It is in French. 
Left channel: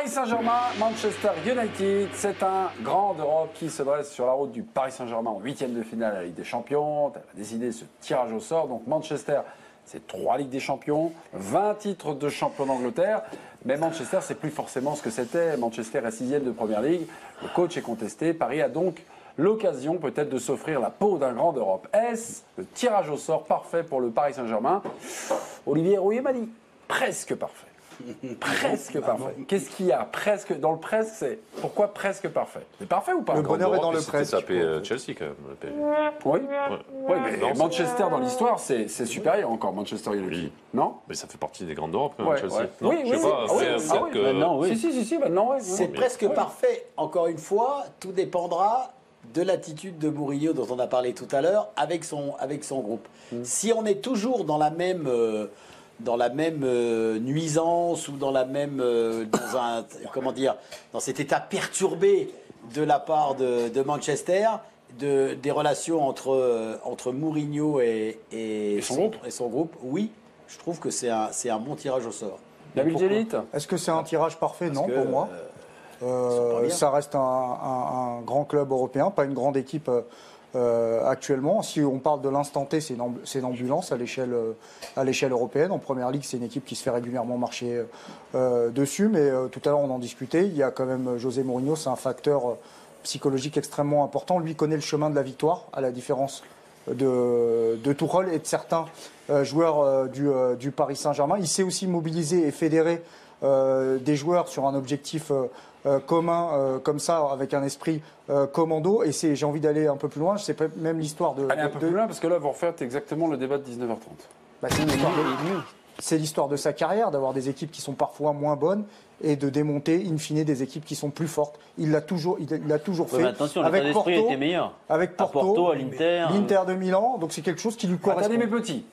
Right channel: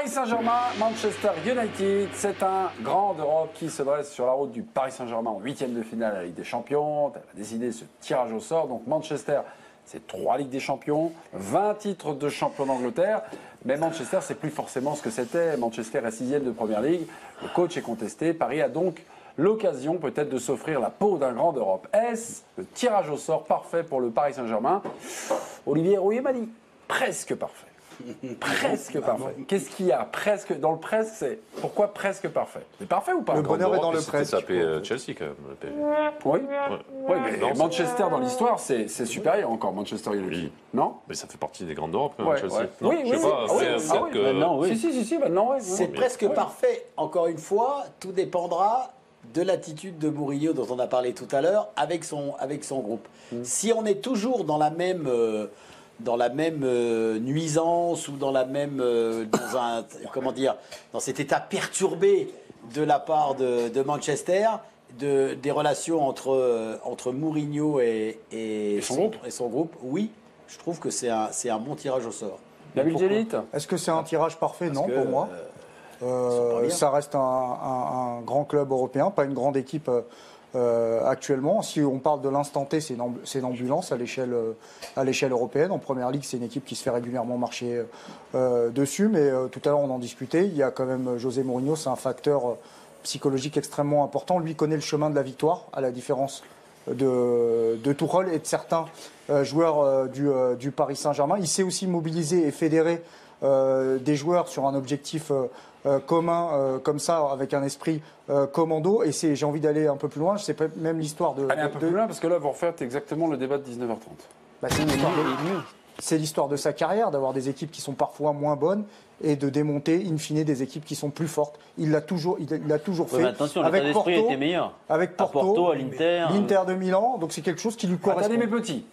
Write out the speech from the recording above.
Paris Saint-Germain, Manchester United, c'est un grand d'Europe qui se dresse sur la route du Paris Saint-Germain en 8e de finale à la Ligue des Champions. Elle a décidé ce tirage au sort. Donc Manchester, c'est 3 Ligues des Champions, 20 titres de champion d'Angleterre. Mais Manchester, c'est plus forcément ce que c'était. Manchester est 6e de Première Ligue. Le coach est contesté. Paris a donc l'occasion peut-être de s'offrir la peau d'un grand d'Europe. Est-ce le tirage au sort parfait pour le Paris Saint-Germain? Olivier Rouillet m'a dit presque parfait. Presque parfait. Qu'est-ce qu'il y a presque dans le presque? C'est pourquoi presque parfait? C'est parfait ou pas? Le bonheur est dans le presque. Tapé Chelsea quand même. Oui. Oui, mais Manchester dans l'histoire, c'est supérieur encore Manchester United, non? Mais ça fait partie des grandes d'Europe, Chelsea. Non, oui, je sais pas. C'est presque parfait. Encore une fois, tout dépendra de l'attitude de Mourinho dont on a parlé tout à l'heure avec son groupe. Si on est toujours dans la même nuisance ou dans la même dans cet état perturbé de la part de Manchester, des relations entre Mourinho et son groupe, oui, je trouve que c'est un bon tirage au sort. David Djellit, est-ce que c'est un tirage parfait? Non, pour moi. Ça reste un grand club européen, pas une grande équipe actuellement. Si on parle de l'instant T, c'est une ambulance à l'échelle européenne. En Première Ligue, c'est une équipe qui se fait régulièrement marcher dessus. Mais tout à l'heure, on en discutait. Il y a quand même José Mourinho, c'est un facteur psychologique extrêmement important. Lui connaît le chemin de la victoire, à la différence de Tuchel et de certains joueurs du Paris Saint-Germain. Il sait aussi mobiliser et fédérer des joueurs sur un objectif commun comme ça, avec un esprit commando. Et j'ai envie d'aller un peu plus loin. C'est même l'histoire de... Allez un peu plus loin, parce que là, vous refaites exactement le débat de 19h30. C'est l'histoire de sa carrière, d'avoir des équipes qui sont parfois moins bonnes et de démonter, in fine, des équipes qui sont plus fortes. Il l'a toujours fait. Attention, avec l'état d'esprit était meilleur. Avec Porto, à l'Inter. L'Inter de Milan. Donc c'est quelque chose qui lui correspond. Attendez mes petits.